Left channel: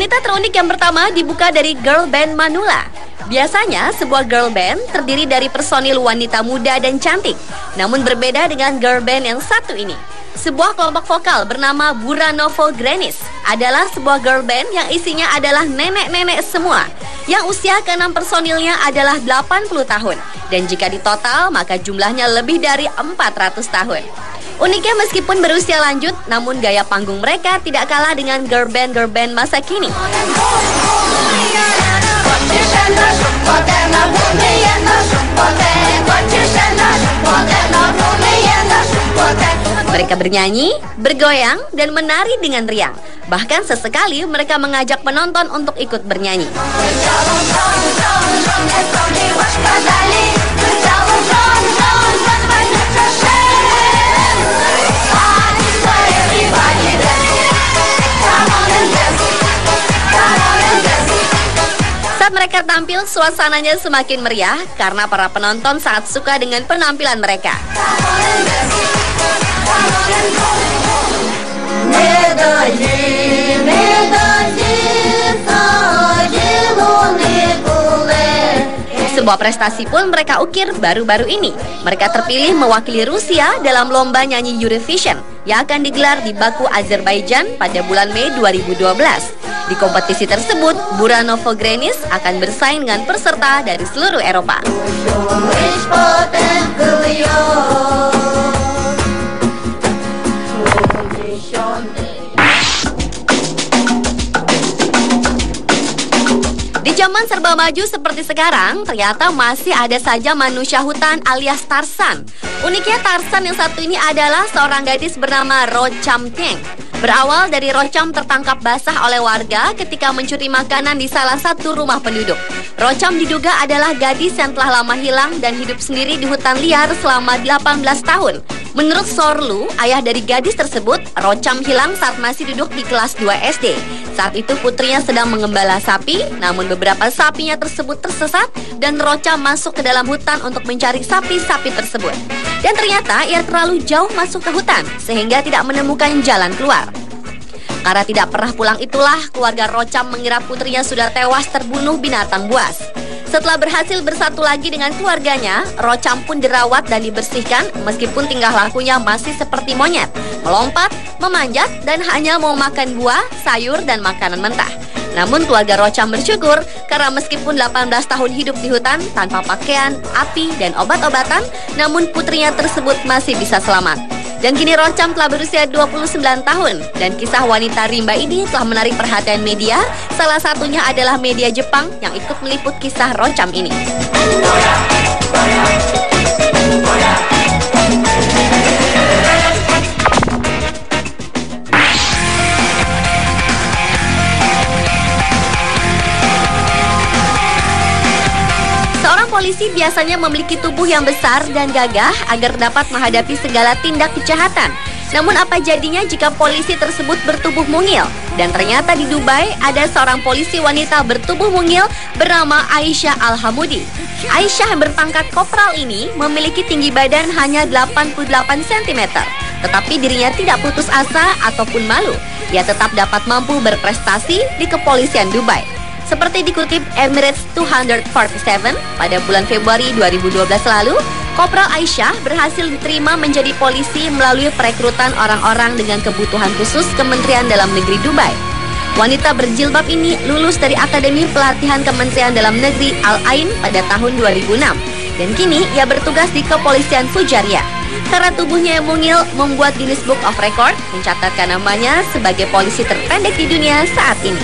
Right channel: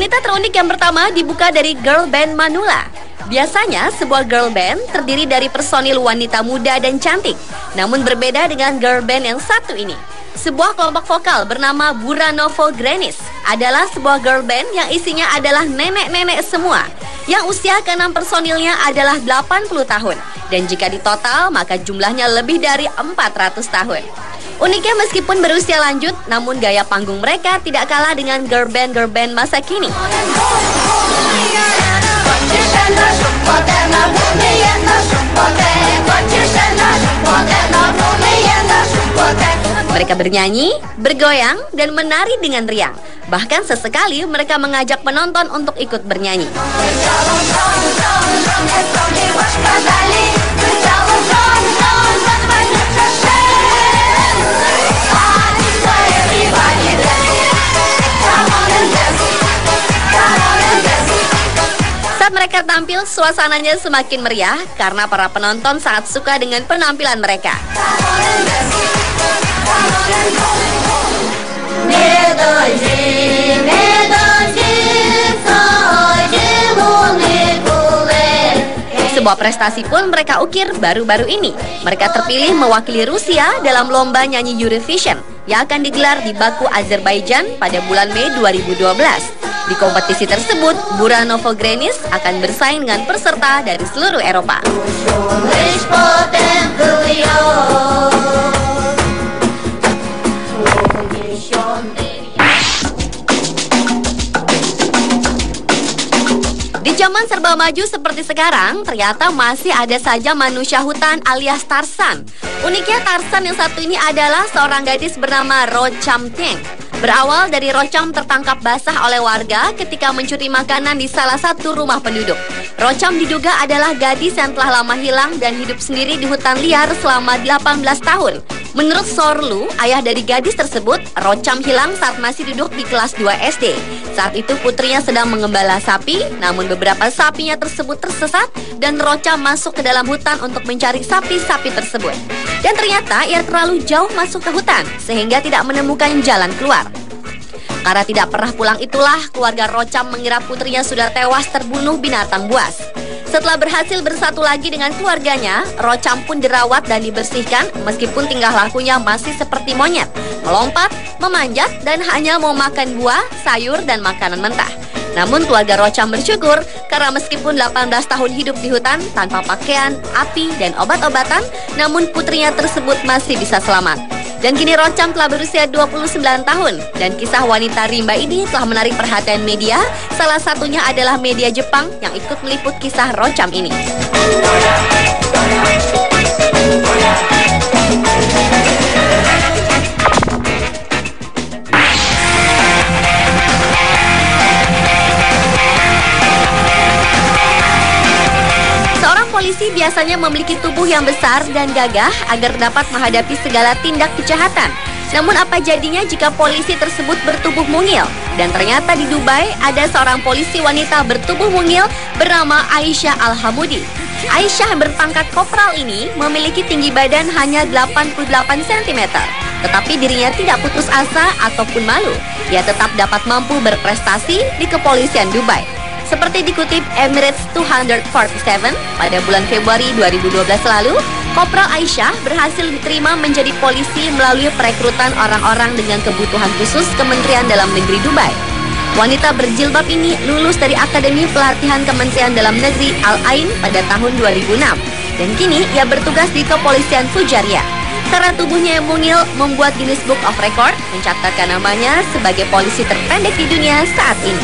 Wanita terunik yang pertama dibuka dari girl band Manula. Biasanya sebuah girl band terdiri dari personil wanita muda dan cantik. Namun berbeda dengan girl band yang satu ini. Sebuah kelompok vokal bernama Buranovo Grenis adalah sebuah girl band yang isinya adalah nenek-nenek semua. Yang usia ke-6 personilnya adalah 80 tahun. Dan jika ditotal maka jumlahnya lebih dari 400 tahun. Uniknya meskipun berusia lanjut, namun gaya panggung mereka tidak kalah dengan girl band masa kini. Mereka bernyanyi, bergoyang, dan menari dengan riang. Bahkan sesekali mereka mengajak penonton untuk ikut bernyanyi. Saat mereka tampil, suasananya semakin meriah karena para penonton sangat suka dengan penampilan mereka. Sebuah prestasi pun mereka ukir baru-baru ini. Mereka terpilih mewakili Rusia dalam lomba nyanyi Eurovision yang akan digelar di Baku, Azerbaijan pada bulan Mei 2012. Di kompetisi tersebut, Buranovo Grenis akan bersaing dengan peserta dari seluruh Eropa. Di zaman serba maju seperti sekarang, ternyata masih ada saja manusia hutan alias Tarzan. Uniknya Tarzan yang satu ini adalah seorang gadis bernama Rocham Teng. Berawal dari Rocham tertangkap basah oleh warga ketika mencuri makanan di salah satu rumah penduduk. Rocham diduga adalah gadis yang telah lama hilang dan hidup sendiri di hutan liar selama 18 tahun. Menurut Sorlu, ayah dari gadis tersebut, Rocham hilang saat masih duduk di kelas 2 SD. Saat itu putrinya sedang mengembala sapi, namun beberapa sapinya tersebut tersesat dan Rocham masuk ke dalam hutan untuk mencari sapi-sapi tersebut. Dan ternyata ia terlalu jauh masuk ke hutan sehingga tidak menemukan jalan keluar. Karena tidak pernah pulang itulah keluarga Rocham mengira putrinya sudah tewas terbunuh binatang buas. Setelah berhasil bersatu lagi dengan keluarganya, Rocham pun dirawat dan dibersihkan meskipun tingkah lakunya masih seperti monyet, melompat, memanjat, dan hanya mau makan buah, sayur, dan makanan mentah. Namun keluarga Rocham bersyukur karena meskipun 18 tahun hidup di hutan tanpa pakaian, api, dan obat-obatan, namun putrinya tersebut masih bisa selamat. Dan kini Rocham telah berusia 29 tahun dan kisah wanita rimba ini telah menarik perhatian media. Salah satunya adalah media Jepang yang ikut meliput kisah Rocham ini. Polisi biasanya memiliki tubuh yang besar dan gagah agar dapat menghadapi segala tindak kejahatan. Namun apa jadinya jika polisi tersebut bertubuh mungil? Dan ternyata di Dubai ada seorang polisi wanita bertubuh mungil bernama Aisyah Al-Hamudi. Aisyah yang berpangkat kopral ini memiliki tinggi badan hanya 88 cm. Tetapi dirinya tidak putus asa ataupun malu. Ia tetap dapat mampu berprestasi di kepolisian Dubai. Seperti dikutip Emirates 247 pada bulan Februari 2012 lalu, Kopral Aisyah berhasil diterima menjadi polisi melalui perekrutan orang-orang dengan kebutuhan khusus Kementerian Dalam Negeri Dubai. Wanita berjilbab ini lulus dari Akademi Pelatihan Kementerian Dalam Negeri Al-Ain pada tahun 2006. Dan kini ia bertugas di Kepolisian Sujaria. Karena tubuhnya yang mungil membuat Guinness Book of Record mencatatkan namanya sebagai polisi terpendek di dunia saat ini.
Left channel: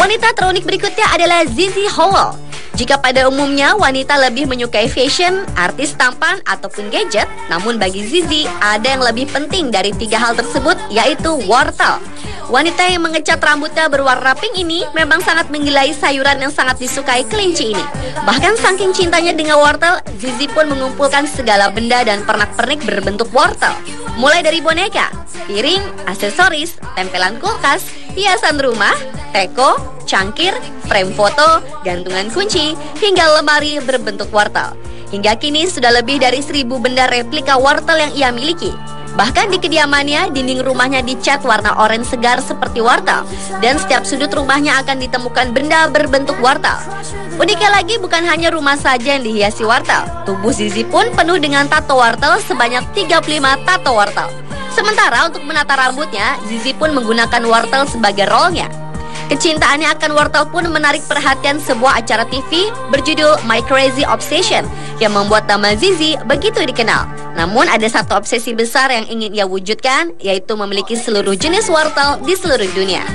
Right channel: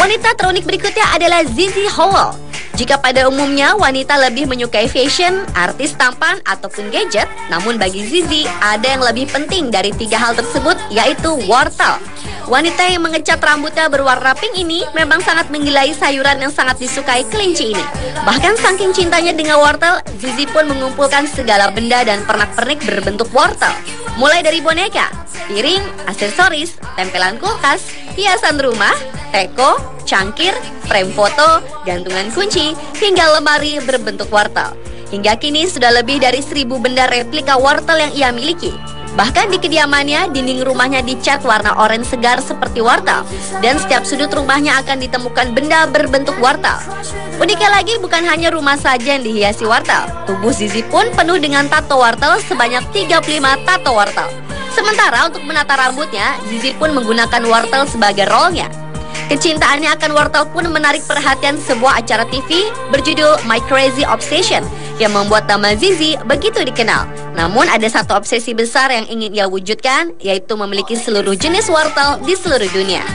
Wanita terunik berikutnya adalah Zizi Howell. Jika pada umumnya wanita lebih menyukai fashion, artis tampan, ataupun gadget, namun bagi Zizi ada yang lebih penting dari tiga hal tersebut, yaitu wortel. Wanita yang mengecat rambutnya berwarna pink ini memang sangat menggilai sayuran yang sangat disukai kelinci ini. Bahkan saking cintanya dengan wortel, Zizi pun mengumpulkan segala benda dan pernak-pernik berbentuk wortel. Mulai dari boneka, piring, aksesoris, tempelan kulkas, hiasan rumah, teko, cangkir, frame foto, gantungan kunci, hingga lemari berbentuk wortel. Hingga kini sudah lebih dari 1000 benda replika wortel yang ia miliki. Bahkan di kediamannya, dinding rumahnya dicat warna oranye segar seperti wortel. Dan setiap sudut rumahnya akan ditemukan benda berbentuk wortel. Uniknya lagi, bukan hanya rumah saja yang dihiasi wortel. Tubuh Zizi pun penuh dengan tato wortel sebanyak 35 tato wortel. Sementara untuk menata rambutnya, Zizi pun menggunakan wortel sebagai rollnya. Kecintaannya akan wortel pun menarik perhatian sebuah acara TV berjudul My Crazy Obsession yang membuat nama Zizi begitu dikenal. Namun ada satu obsesi besar yang ingin ia wujudkan, yaitu memiliki seluruh jenis wortel di seluruh dunia.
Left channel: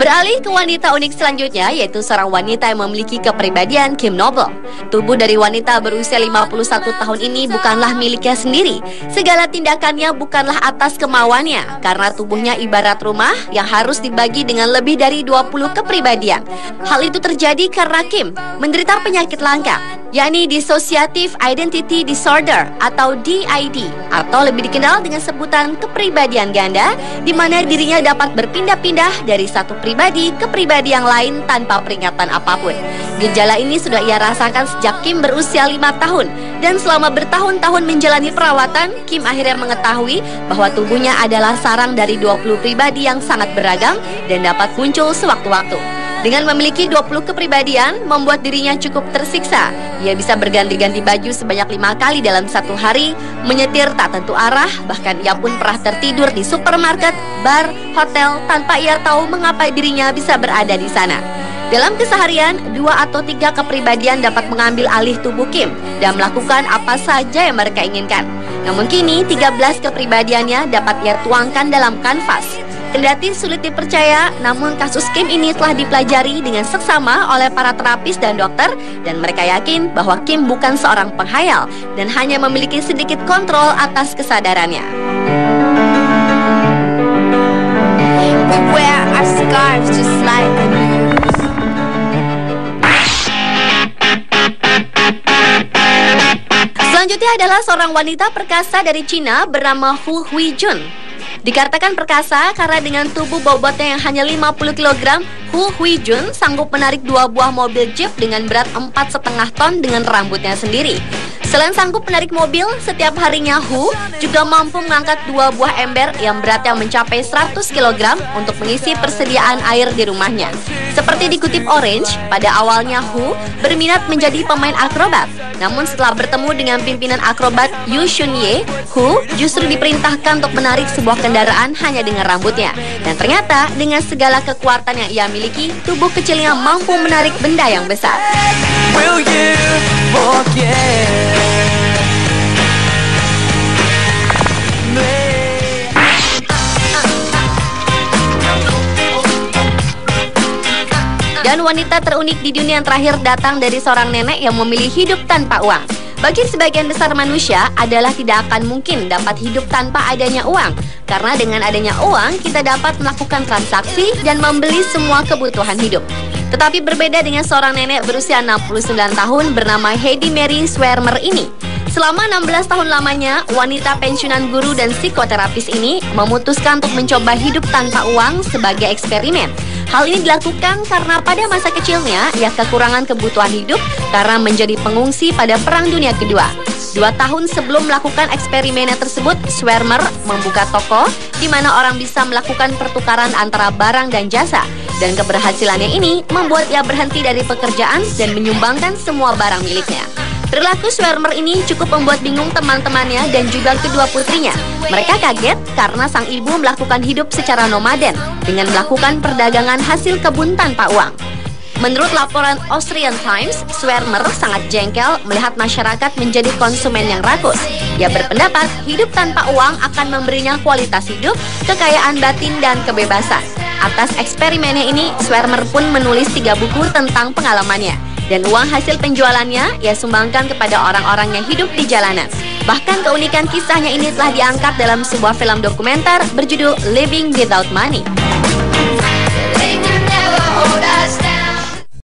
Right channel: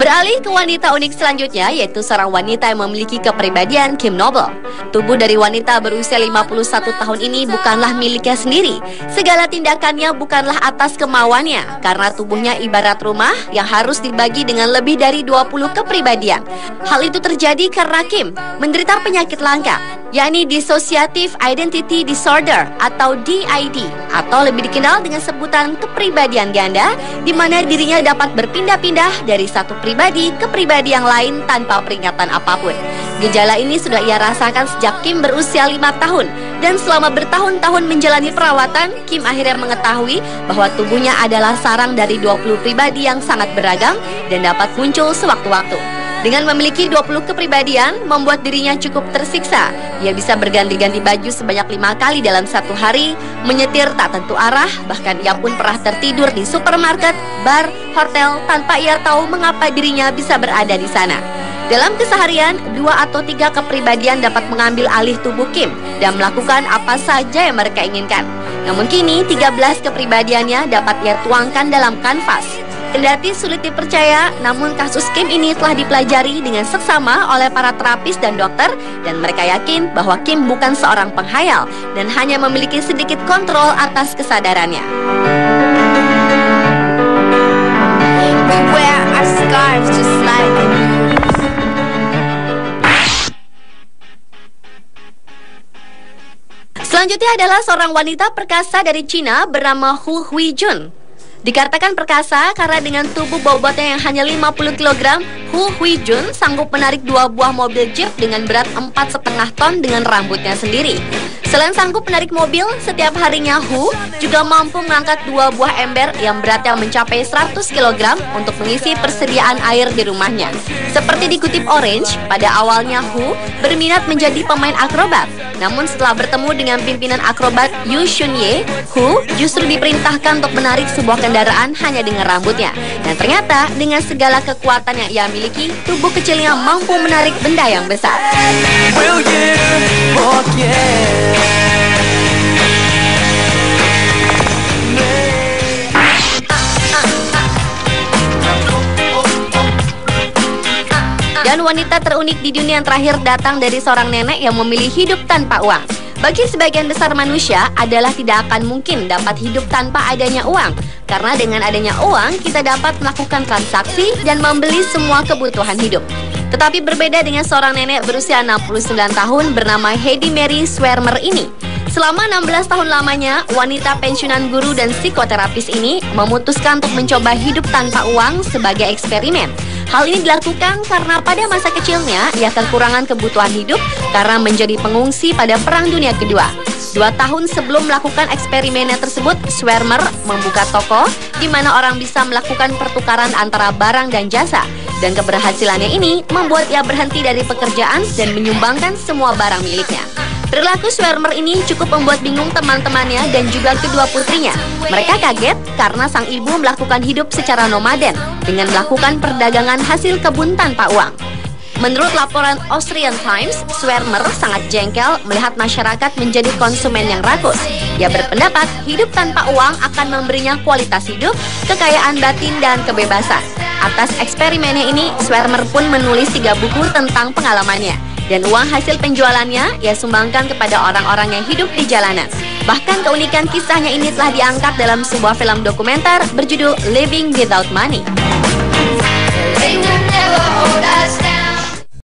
Beralih ke wanita unik selanjutnya, yaitu seorang wanita yang memiliki kepribadian Kim Noble. Tubuh dari wanita berusia 51 tahun ini bukanlah miliknya sendiri. Segala tindakannya bukanlah atas kemauannya, karena tubuhnya ibarat rumah yang harus dibagi dengan lebih dari 20 kepribadian. Hal itu terjadi karena Kim menderita penyakit langka, yakni Dissociative Identity Disorder atau DID, atau lebih dikenal dengan sebutan kepribadian ganda, di mana dirinya dapat berpindah-pindah dari satu pribadi ke pribadi yang lain tanpa peringatan apapun. Gejala ini sudah ia rasakan sejak Kim berusia 5 tahun, dan selama bertahun-tahun menjalani perawatan, Kim akhirnya mengetahui bahwa tubuhnya adalah sarang dari 20 pribadi yang sangat beragam dan dapat muncul sewaktu-waktu. Dengan memiliki 20 kepribadian, membuat dirinya cukup tersiksa. Ia bisa berganti-ganti baju sebanyak 5 kali dalam satu hari, menyetir tak tentu arah, bahkan ia pun pernah tertidur di supermarket, bar, hotel, tanpa ia tahu mengapa dirinya bisa berada di sana. Dalam keseharian, 2 atau 3 kepribadian dapat mengambil alih tubuh Kim dan melakukan apa saja yang mereka inginkan. Namun kini, 13 kepribadiannya dapat ia tuangkan dalam kanvas. Kendati sulit dipercaya, namun kasus Kim ini telah dipelajari dengan seksama oleh para terapis dan dokter, dan mereka yakin bahwa Kim bukan seorang penghayal dan hanya memiliki sedikit kontrol atas kesadarannya. We wear our scars just like Selanjutnya adalah seorang wanita perkasa dari Cina bernama Hu Huijun. Dikatakan perkasa karena dengan tubuh bobotnya yang hanya 50 kg, Hu Huijun sanggup menarik 2 buah mobil jeep dengan berat 4,5 ton dengan rambutnya sendiri. Selain sanggup menarik mobil, setiap harinya Hu juga mampu mengangkat 2 buah ember yang beratnya mencapai 100 kg untuk mengisi persediaan air di rumahnya. Seperti dikutip Orange, pada awalnya Hu berminat menjadi pemain akrobat. Namun setelah bertemu dengan pimpinan akrobat Yu Shunye, Hu justru diperintahkan untuk menarik sebuah kendaraan hanya dengan rambutnya. Dan ternyata dengan segala kekuatan yang ia miliki, tubuh kecilnya mampu menarik benda yang besar. Dan wanita terunik di dunia yang terakhir datang dari seorang nenek yang memilih hidup tanpa uang. Bagi sebagian besar manusia adalah tidak akan mungkin dapat hidup tanpa adanya uang. Karena dengan adanya uang, kita dapat melakukan transaksi dan membeli semua kebutuhan hidup. Tetapi berbeda dengan seorang nenek berusia 69 tahun bernama Heidi Mary Swermer ini. Selama 16 tahun lamanya, wanita pensiunan guru dan psikoterapis ini memutuskan untuk mencoba hidup tanpa uang sebagai eksperimen. Hal ini dilakukan karena pada masa kecilnya ia kekurangan kebutuhan hidup karena menjadi pengungsi pada Perang Dunia Kedua. 2 tahun sebelum melakukan eksperimennya tersebut, Swermer membuka toko di mana orang bisa melakukan pertukaran antara barang dan jasa. Dan keberhasilannya ini membuat ia berhenti dari pekerjaan dan menyumbangkan semua barang miliknya. Perilaku Swermer ini cukup membuat bingung teman-temannya dan juga kedua putrinya. Mereka kaget karena sang ibu melakukan hidup secara nomaden dengan melakukan perdagangan hasil kebun tanpa uang. Menurut laporan Austrian Times, Swermer sangat jengkel melihat masyarakat menjadi konsumen yang rakus. Ia berpendapat hidup tanpa uang akan memberinya kualitas hidup, kekayaan batin, dan kebebasan. Atas eksperimennya ini, Swermer pun menulis 3 buku tentang pengalamannya. Dan uang hasil penjualannya ia sumbangkan kepada orang-orang yang hidup di jalanan. Bahkan keunikan kisahnya ini telah diangkat dalam sebuah film dokumenter berjudul Living Without Money.